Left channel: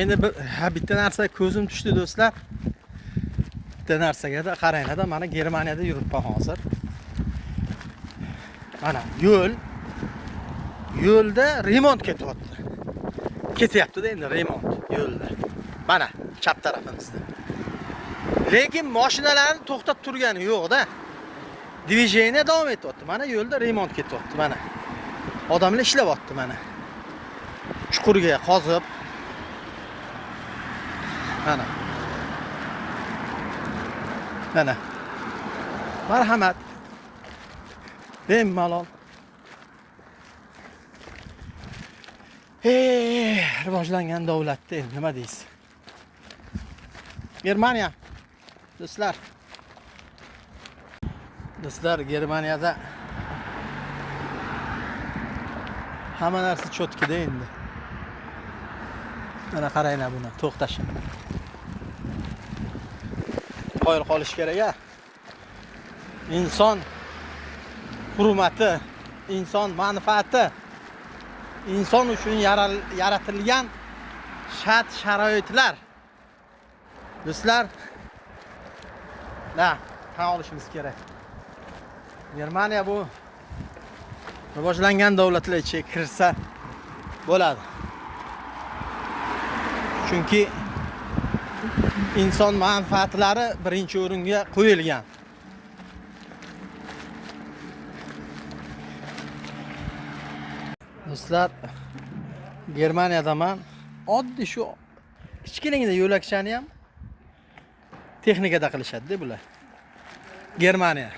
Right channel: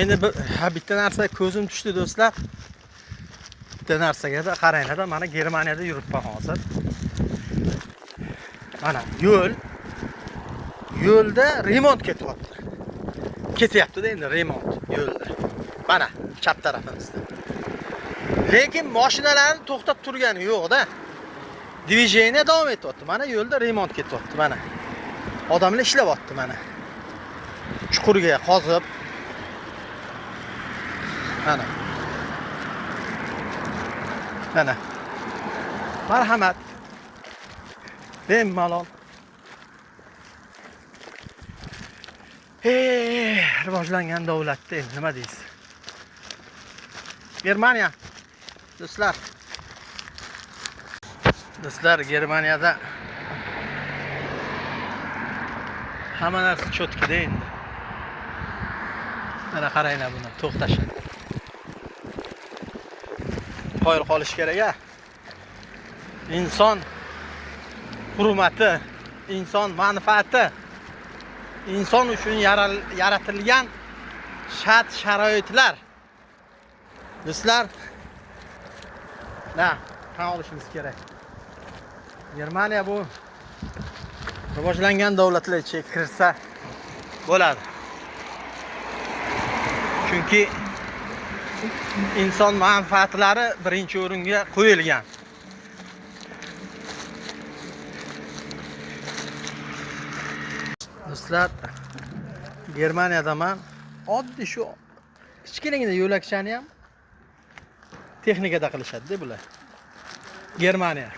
Endi bitta narsaga ko'zim tushdi do'stlar. Bitta narsaga qaranglar, mana Germaniyada yuribman hozir. Mana yo'lda remont ketyapti. Ketyapti-da endi remont yo'lda. Mana chap tarafimizda. Lekin mashinalarni to'xtab turgani yo'q-da. Движение davom etyapti. Mana yo'lda remont ketyapti mana. Odamlar ishlayapti mana. Chuqurga qozib. Mana. Mana. Marhamat. Bemalol. Rivojlangan davlatda endi nima deysiz? Germaniya. Do'stlar, Germaniyada hamma narsa cho'tkida endi. Mana qaranglar buni, to'xtash. Qoyil qolish kerak-a. Inson hurmati, inson manfaati, inson uchun yaratilgan shart-sharoitlar. Do'stlar, tan olishimiz kerak. Germaniya bu rivojlangan davlatlar ichiga kirsa bo'ladi. Chunki inson manfaatlari birinchi o'ringa qo'yilgan. Do'stlar, Germaniyadaman. Oddiy shu kichkinagina yo'lakchani ham texnikada qilishadi-da bular. Germaniya.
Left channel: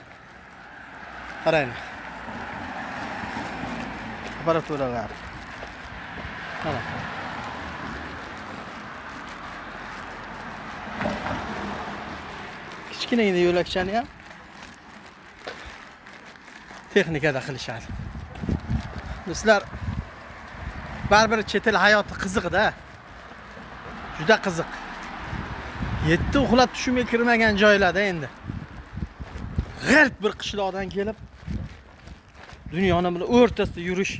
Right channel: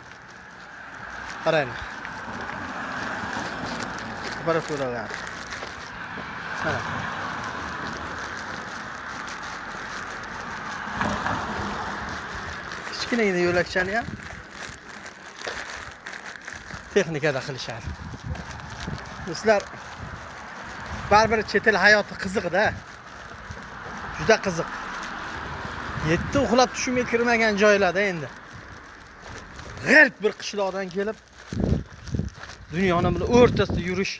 Qarang. Temperaturalar. Mana. Kichkinagina yo'lakchani ham texnikada qilishadi. Do'stlar, baribir chet el hayoti qiziq-da. Juda qiziq. Yetti uxlab tushimga kirmagan joylarda endi. G'arb bir qishloqdan kelib dunyoni bilan o'rtasida yurish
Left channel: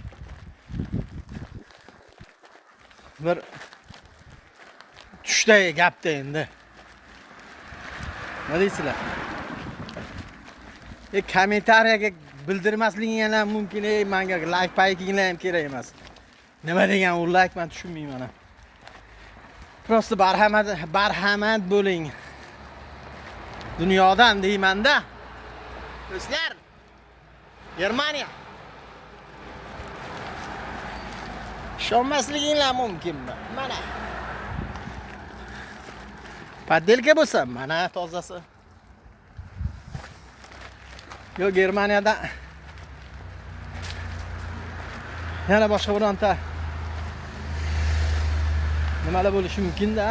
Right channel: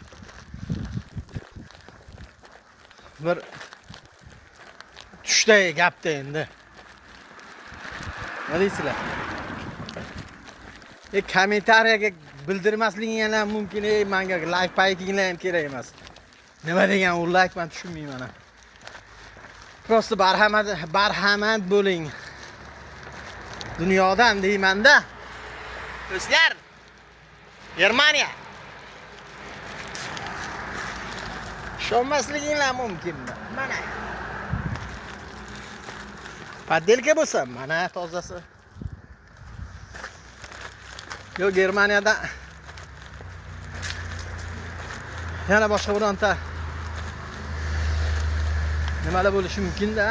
bir tushday gapda endi. Nima deysizlar? Kommentariyaga bildirmasliging ham mumkin, menga like payginglar ham kerak emas. Nima degan u like, men tushunmayman. Prosta barhamad bo'ling. Dunyodan deyman-da. Do'stlar, Germaniya. Ishonmasliginglar mumkinmi? Mana. Padelka bo'lsa, mana tozasi. Yo, Germaniyada yana boshqa bironta nimalar bo'lishi mumkin-da.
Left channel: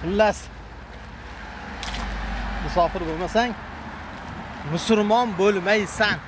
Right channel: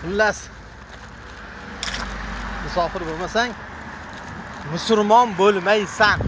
Xullas, musofir bo'lmasang, musulmon bo'lmaysan.